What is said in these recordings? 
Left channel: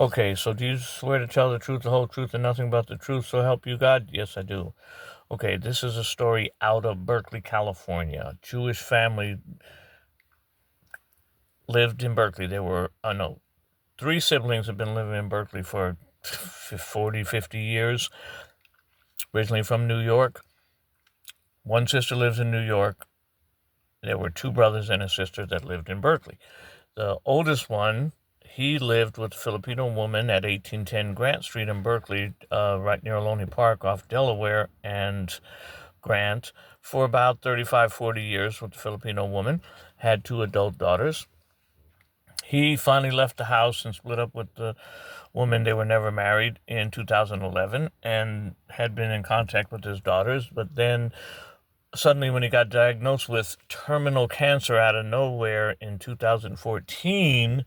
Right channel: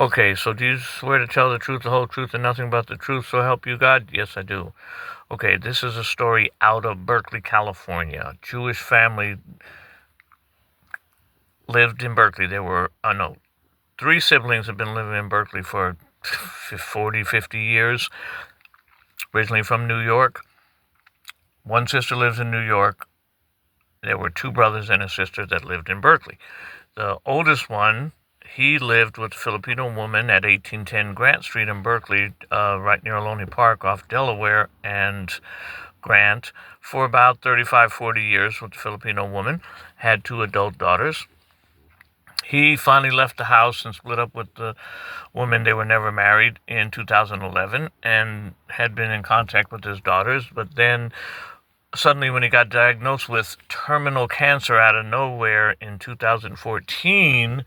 Okay, so do you swear to tell the truth, the whole truth, and nothing but the truth, so help you God? Yes, I do. Okay, this is a story out of Berkeley, California. A Jewish family lived in Berkeley. There were, no, three siblings have been living in Berkeley for 40, 50 years, originally from New York. One sister lives in New York. There were two brothers and a sister that lived in Berkeley. The oldest one, he lived with a Filipino woman at 1810 Grant Street in Berkeley, right near Ohlone Park off Delaware and Grant, for about 35, 40 years with the Filipino woman, had two adult daughters. He finally left the house and split up with the woman. They were never married in 2011 and had been in contact with his daughters, but then suddenly when he got diagnosed with terminal cancer out of nowhere in 2014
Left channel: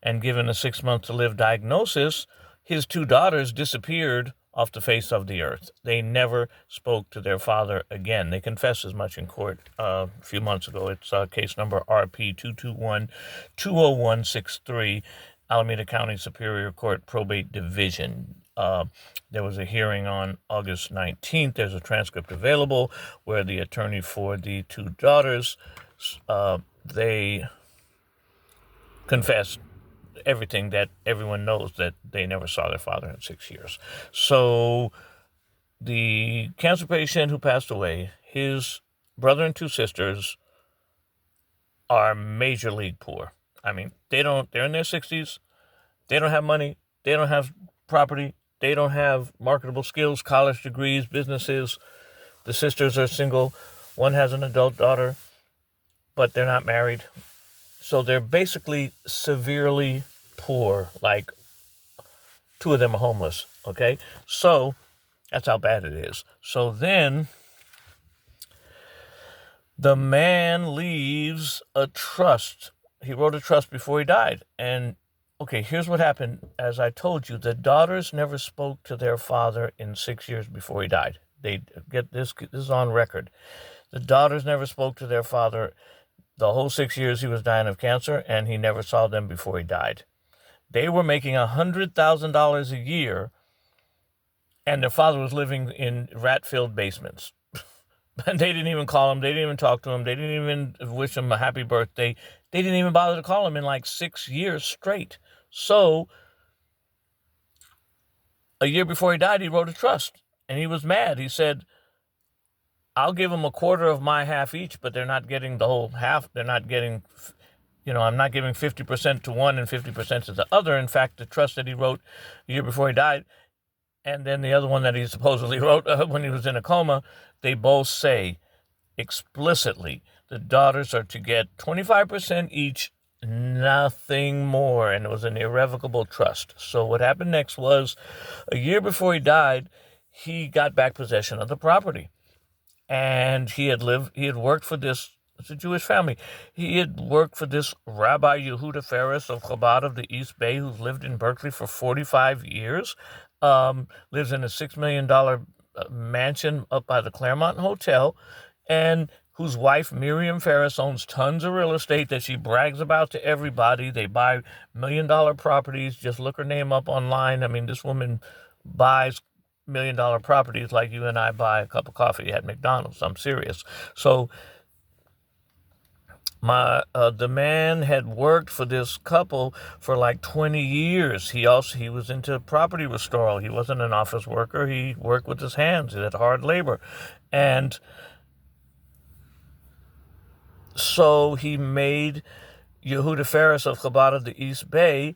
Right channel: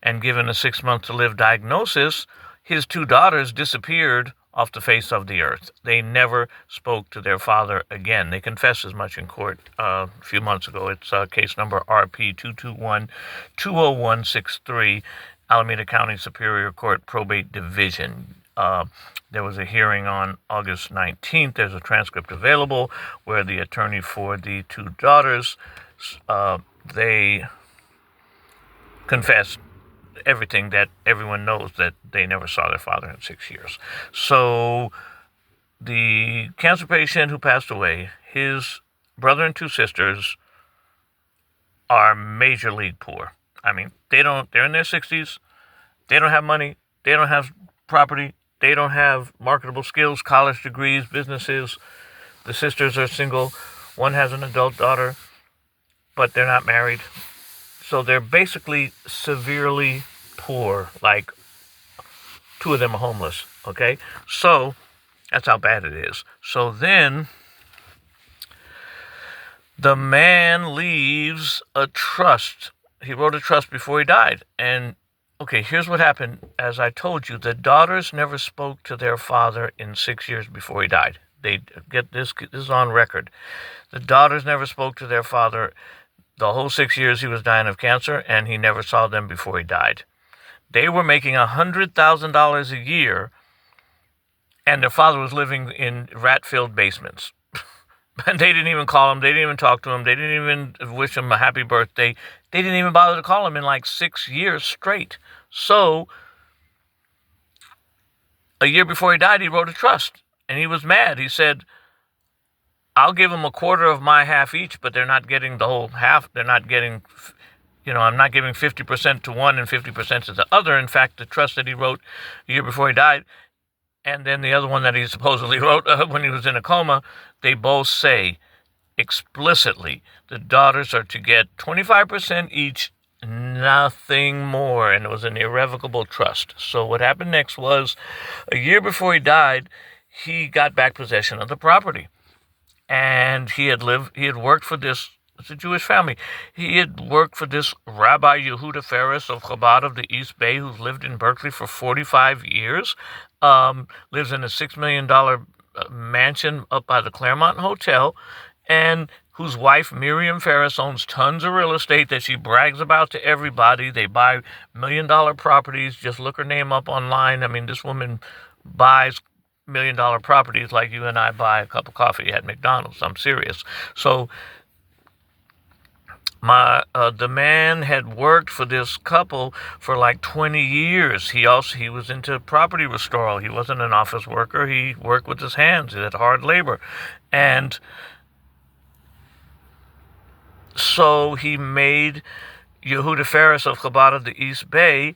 and given a 6 month to live diagnosis, his two daughters disappeared off the face of the earth. They never spoke to their father again. They confessed as much in court a few months ago. It's case number RP22120163, Alameda County Superior Court Probate Division. There was a hearing on August 19th. There's a transcript available where the attorney for the two daughters, they confessed everything that everyone knows, that they never saw their father in 6 years. So the cancer patient who passed away, his brother and two sisters are major league poor. I mean, they're in their 60s. They don't have money. They don't have property. They don't have marketable skills, college degrees, businesses. The sisters are single. One has an adult daughter, but they're not married. So they're basically severely poor, like two of them are homeless, okay? So that's how bad it is. So then the man leaves a trust. He wrote a trust before he died. And okay, here's what happened. As I told you, the daughters never spoke to their father in 6 years before he died. They get this is on record. The daughters never spoke to their father the whole 6 years he was dying of cancer, and he never saw them before he died. They were making $100,000 a year, and their father was living in rat-filled basements. And they didn't even call him. They didn't even talk to him. They didn't even wish him a happy birthday. They didn't even bother to call him in like 6 years straight. So a year before he died, he wrote a trust, and he was mad. He said, I'll give them a quarter of my half each, but they're not getting the whole half. They're not getting, I'm not giving 50% to one and 50% to the other. In fact, the trust that he wrote a year before he died, and then the other one that he supposedly wrote when he was in a coma, they both say explicitly the daughters are to get 25% each, nothing more. And it was an irrevocable trust. So what happened next was, a year before he died, he got back possession of the property. And he had worked for this, it's a Jewish family. He had worked for this Rabbi Yehuda Ferris of Chabad of the East Bay, who's lived in Berkeley for 45 years, lives in a $6 million mansion up by the Claremont Hotel, and whose wife, Miriam Ferris, owns tons of real estate that she brags about to everybody. They buy $1 million properties. Just look her name up online. I mean, this woman buys $1 million properties like you and I buy a cup of coffee at McDonald's. I'm serious. So the man had worked for this couple for like 20 years. He was into property restoral. He wasn't an office worker. He worked with his hands. He had hard labor. And so he made Yehuda Ferris of Chabad of the East Bay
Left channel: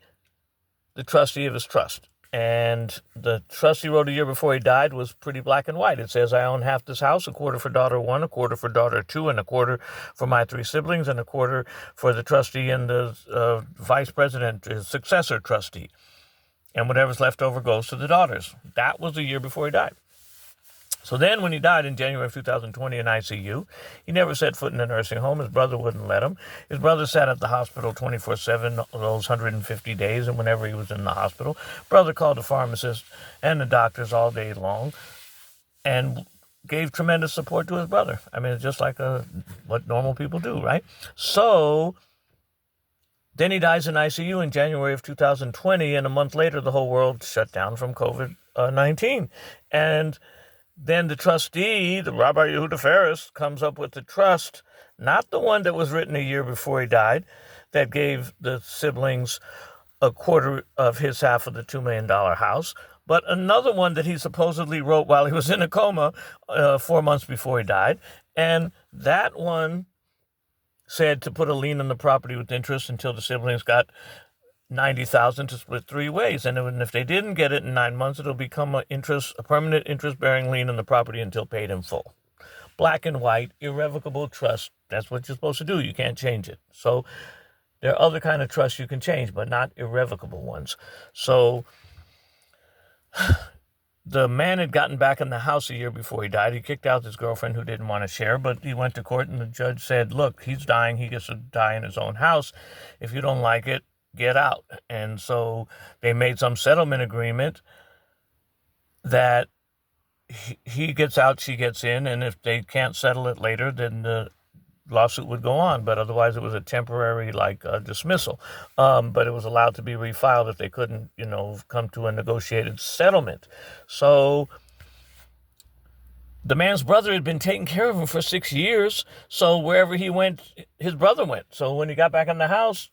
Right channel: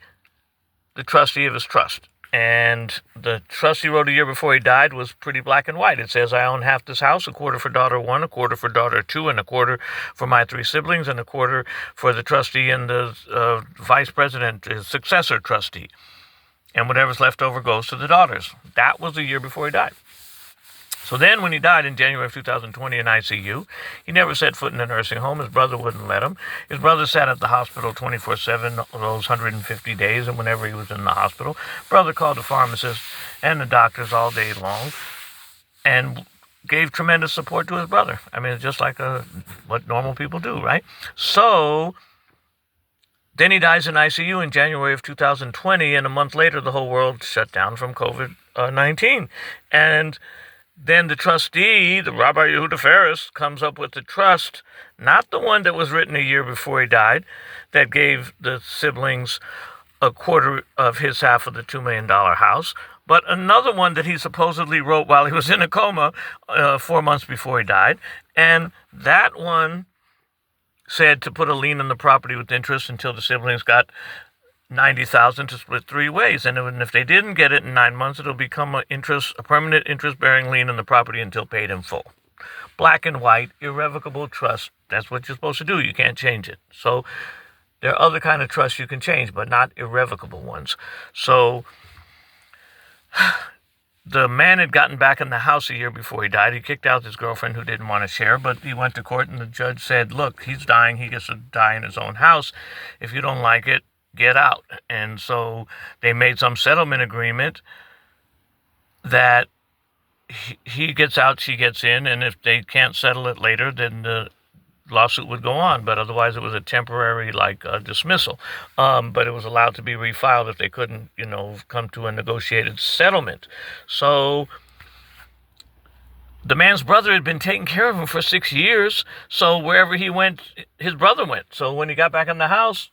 the trustee of his trust. And the trust he wrote a year before he died was pretty black and white. It says, I own half this house, a quarter for daughter one, a quarter for daughter two, and a quarter for my three siblings, and a quarter for the trustee and the vice president, his successor trustee. And whatever's left over goes to the daughters. That was a year before he died. So then when he died in January of 2020 in ICU, he never set foot in a nursing home. His brother wouldn't let him. His brother sat at the hospital 24/7 those 150 days, and whenever he was in the hospital, brother called the pharmacist and the doctors all day long and gave tremendous support to his brother. I mean, it's just like what normal people do, right? So Then he dies in ICU in January of 2020, and a month later, the whole world shut down from COVID-19. And then the trustee, the Rabbi Yehuda Ferris, comes up with the trust, not the one that was written a year before he died, that gave the siblings a quarter of his half of the $2 million house, but another one that he supposedly wrote while he was in a coma 4 months before he died. And that one said to put a lien on the property with interest until the siblings got $90,000 to split 3 ways. And if they didn't get it in 9 months, it'll become a permanent interest-bearing lien on the property until paid in full. Black and white, irrevocable trust. That's what you're supposed to do. You can't change it. So there are other kind of trusts you can change, but not irrevocable ones. So the man had gotten back in the house a year before he died. He kicked out his girlfriend who didn't want to share, but he went to court and the judge said, look, he's dying. He gets to die in his own house. If you don't like it, get out. And so they made some settlement agreement that he gets out, she gets in, and if they can't settle it later, then the lawsuit would go on, but otherwise it was a temporary dismissal. But it was allowed to be refiled if they couldn't, come to a negotiated settlement. So the man's brother had been taking care of him for 6 years. So wherever he went, his brother went. So when he got back in the house,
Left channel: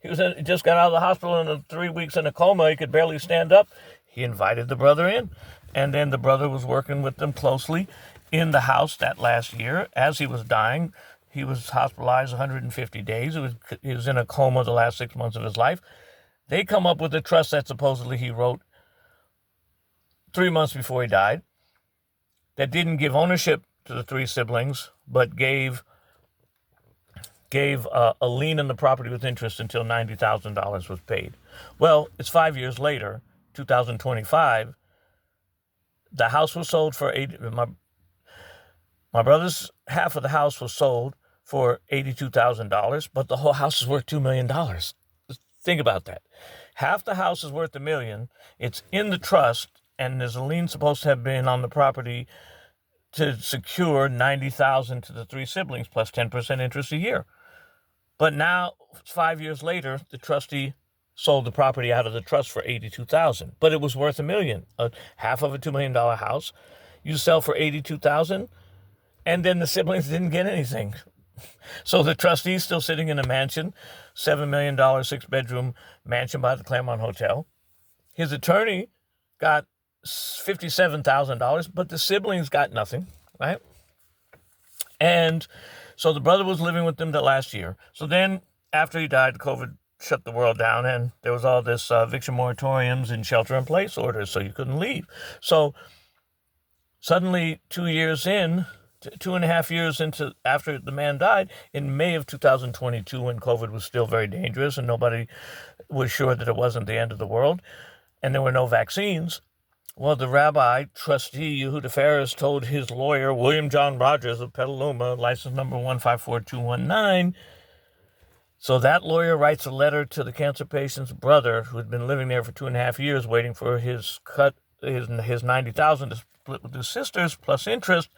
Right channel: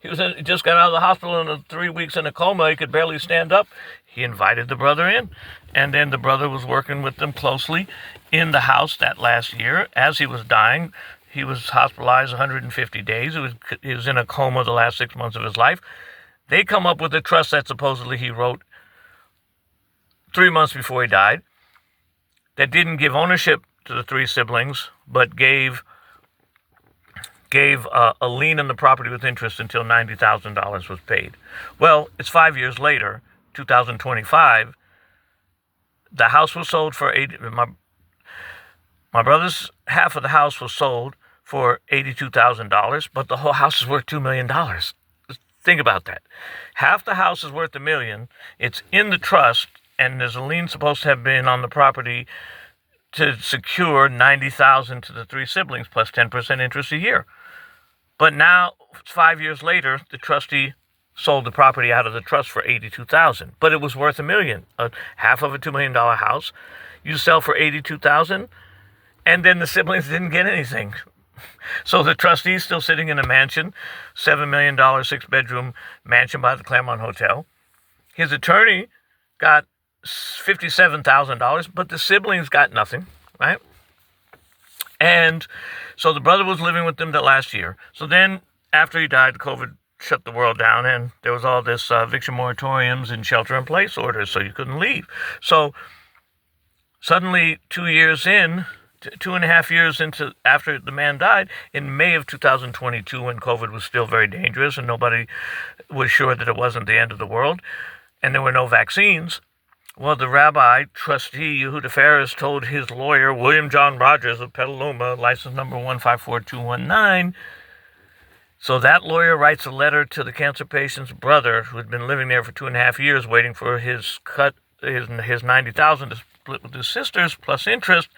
he just got out of the hospital in 3 weeks in a coma. He could barely stand up. He invited the brother in, and then the brother was working with them closely in the house that last year as he was dying. He was hospitalized 150 days. He was in a coma the last 6 months of his life. They come up with a trust that supposedly he wrote 3 months before he died that didn't give ownership to the 3 siblings, but gave a lien on the property with interest until $90,000 was paid. Well, it's 5 years later, 2025. The house was sold for my brother's half of the house was sold for $82,000, but the whole house is worth $2 million. Think about that. Half the house is worth $1 million. It's in the trust, and there's a lien supposed to have been on the property to secure $90,000 to the 3 siblings plus 10% interest a year. But now, 5 years later, the trustee sold the property out of the trust for $82,000, but it was worth $1 million. Half of a $2 million house, you sell for $82,000, and then the siblings didn't get anything. So the trustee's still sitting in a mansion, $7 million, 6-bedroom mansion by the Claremont Hotel. His attorney got $57,000, but the siblings got nothing, right? And so the brother was living with them the last year. So then after he died, COVID shut the world down, and there was all this eviction moratoriums and shelter-in-place orders, so you couldn't leave. So suddenly 2 years in, 2.5 years into after the man died, in May of 2022, when COVID was still very dangerous and nobody was sure that it wasn't the end of the world, and there were no vaccines, well, the rabbi, trustee Yehuda Ferris, told his lawyer, William Jhon Rogers of Petaluma, license number 154219. So that lawyer writes a letter to the cancer patient's brother, who had been living there for 2.5 years, waiting for his $90,000 to split with his sisters plus interest.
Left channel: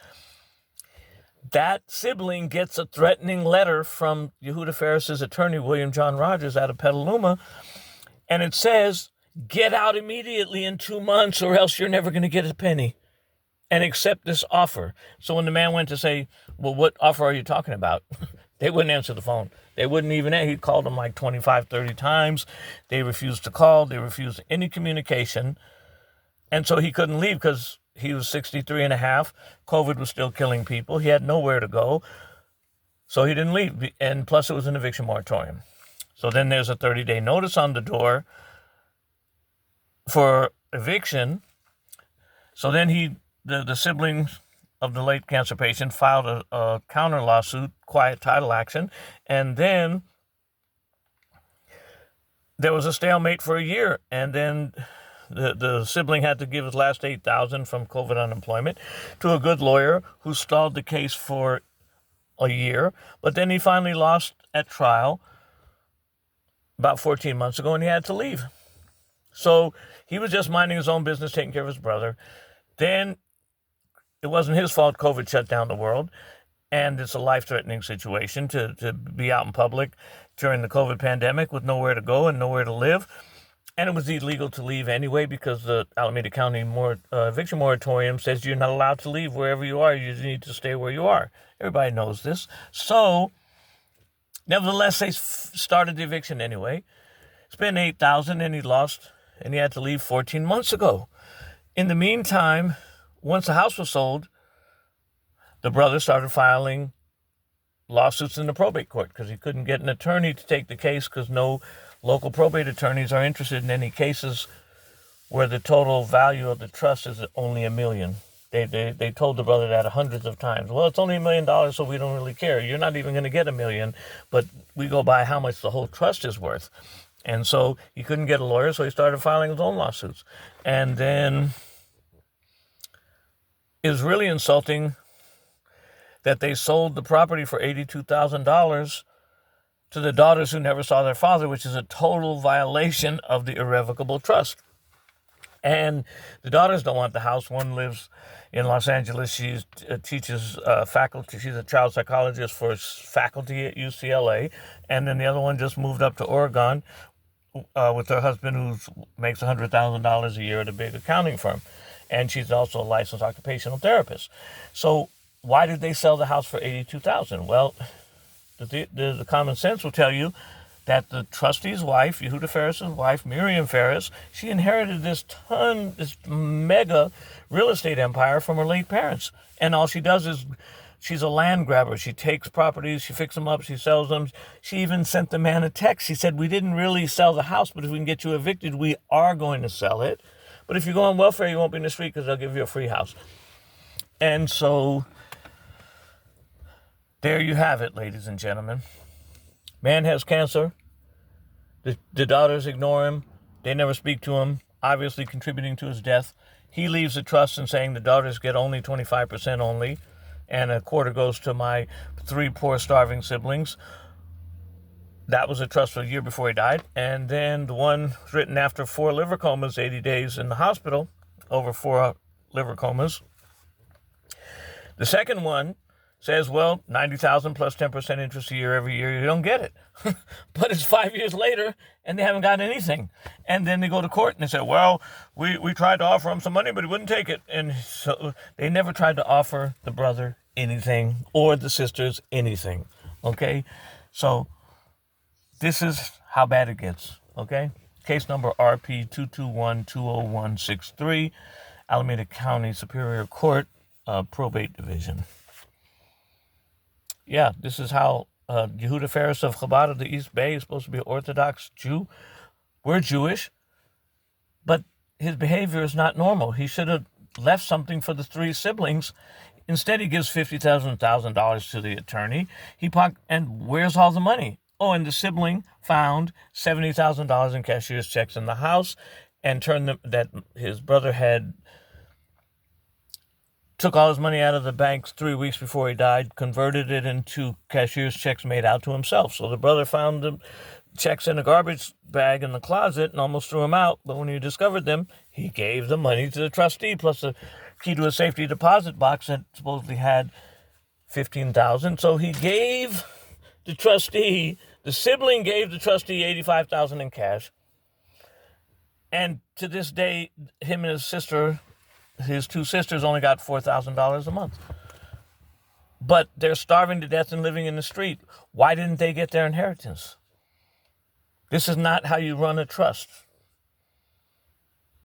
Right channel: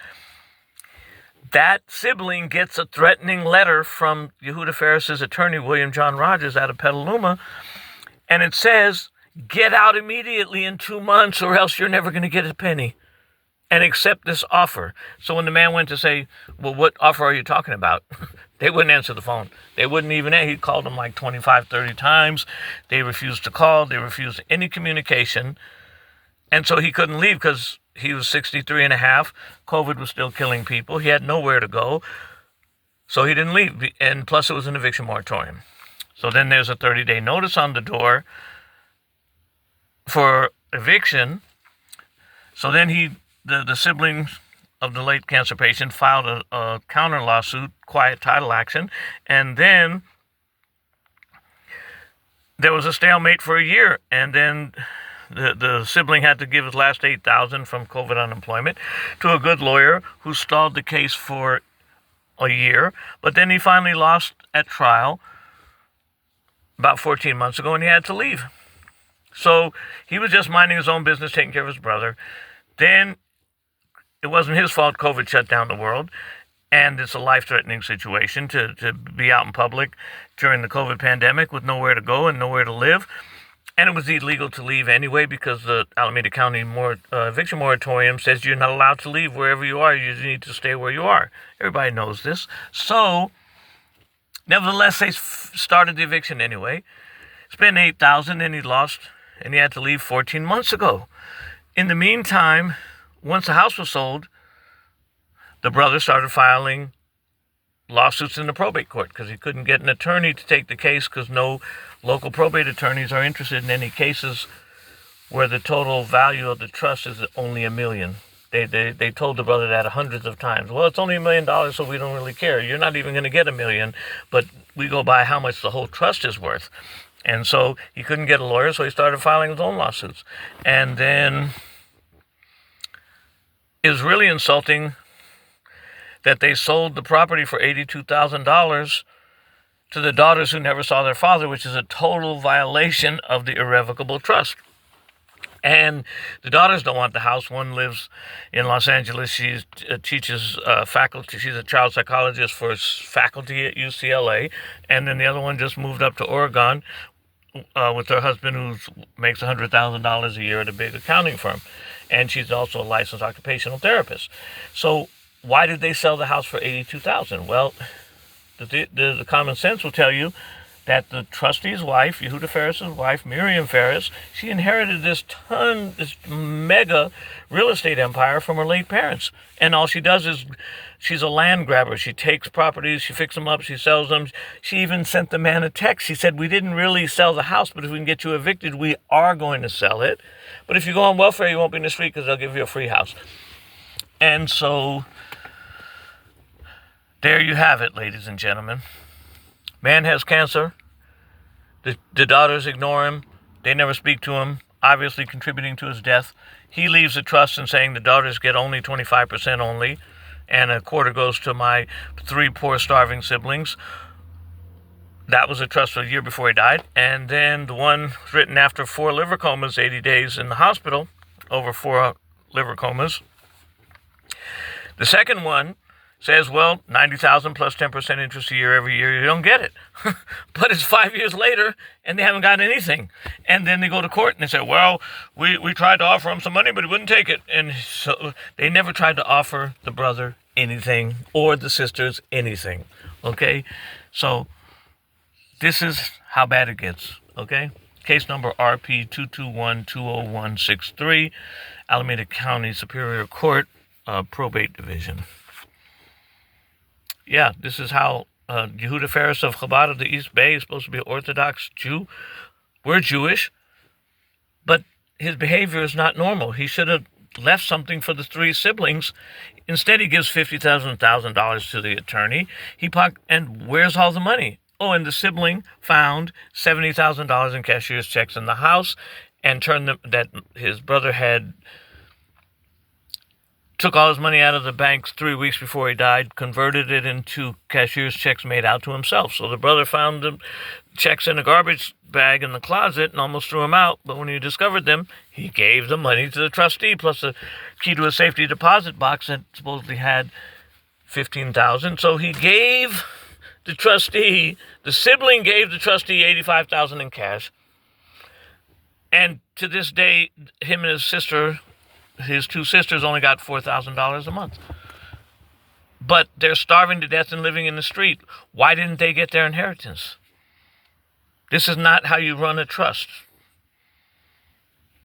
That sibling gets a threatening letter from Yehuda Ferris's attorney, William Jhon Rogers, out of Petaluma, and it says, get out immediately in 2 months or else you're never going to get a penny, and accept this offer. So when the man went to say, well, what offer are you talking about? They wouldn't answer the phone. They wouldn't even, he called them like 25, 30 times. They refused to call. They refused any communication. And so he couldn't leave because he was 63 and a half. COVID was still killing people. He had nowhere to go. So he didn't leave. And plus it was an eviction moratorium. So then there's a 30-day notice on the door for eviction. So then the siblings of the late cancer patient filed a counter lawsuit, quiet title action, and then there was a stalemate for a year, and then the sibling had to give his last $8,000 from COVID unemployment to a good lawyer who stalled the case for a year, but then he finally lost at trial about 14 months ago, and he had to leave. So he was just minding his own business, taking care of his brother. Then it wasn't his fault COVID shut down the world. And it's a life-threatening situation to be out in public during the COVID pandemic with nowhere to go and nowhere to live. And it was illegal to leave anyway because the Alameda County eviction moratorium says you're not allowed to leave wherever you are. You need to stay where you are. Everybody knows this. So, nevertheless, they started the eviction anyway. Spent $8,000 and he lost, and he had to leave 14 months ago. In the meantime, once the house was sold, the brother started filing lawsuits in the probate court because he couldn't get an attorney to take the case because no local probate attorneys are interested in any cases where the total value of the trust is only $1 million. They told the brother that hundreds of times. Well, it's only $1 million, so we don't really care. You're not even going to get $1 million, but we go by how much the whole trust is worth. And so he couldn't get a lawyer, so he started filing his own lawsuits. And then it was really insulting that they sold the property for $82,000 to the daughters who never saw their father, which is a total violation of the irrevocable trust. And the daughters don't want the house. One lives in Los Angeles. She teaches faculty. She's a child psychologist for faculty at UCLA. And then the other one just moved up to Oregon with her husband who makes $100,000 a year at a big accounting firm. And she's also a licensed occupational therapist. So why did they sell the house for $82,000? Well, the common sense will tell you that the trustee's wife, Yehuda Ferris's wife, Miriam Ferris, she inherited this mega real estate empire from her late parents. And all she does is she's a land grabber. She takes properties, she fixes them up, she sells them. She even sent the man a text. She said, we didn't really sell the house, but if we can get you evicted, we are going to sell it. But if you go on welfare, you won't be in the street because they'll give you a free house. And so there you have it, ladies and gentlemen. Man has cancer. The daughters ignore him. They never speak to him, obviously contributing to his death. He leaves the trust and saying the daughters get only 25% only, and a quarter goes to my 3 poor starving siblings. That was a trust for a year before he died. And then the one written after 4 liver comas, 80 days in the hospital, over 4 liver comas. The second one says, well, $90,000 plus 10% interest a year every year. You don't get it. But it's 5 years later, and they haven't got anything. And then they go to court, and they say, well, we tried to offer him some money, but he wouldn't take it. And so they never tried to offer the brother anything or the sisters anything, okay? So this is how bad it gets, okay? Case number RP22120163, Alameda County Superior Court, Probate Division. Yeah, this is how Yehuda Ferris of Chabad of the East Bay is supposed to be an Orthodox Jew. We're Jewish, but his behavior is not normal. He should have left something for the 3 siblings. Instead, he gives $50,000 to the attorney. And where's all the money? Oh, and the sibling found $70,000 in cashier's checks in the house and that his brother took all his money out of the bank 3 weeks before he died, converted it into cashier's checks made out to himself. So the brother found the checks in a garbage bag in the closet and almost threw them out. But when he discovered them, he gave the money to the trustee, plus a key to a safety deposit box that supposedly had $15,000. So he gave the sibling gave the trustee $85,000 in cash. And to this day, him and his 2 sisters only got $4,000 a month. But they're starving to death and living in the street. Why didn't they get their inheritance? This is not how you run a trust.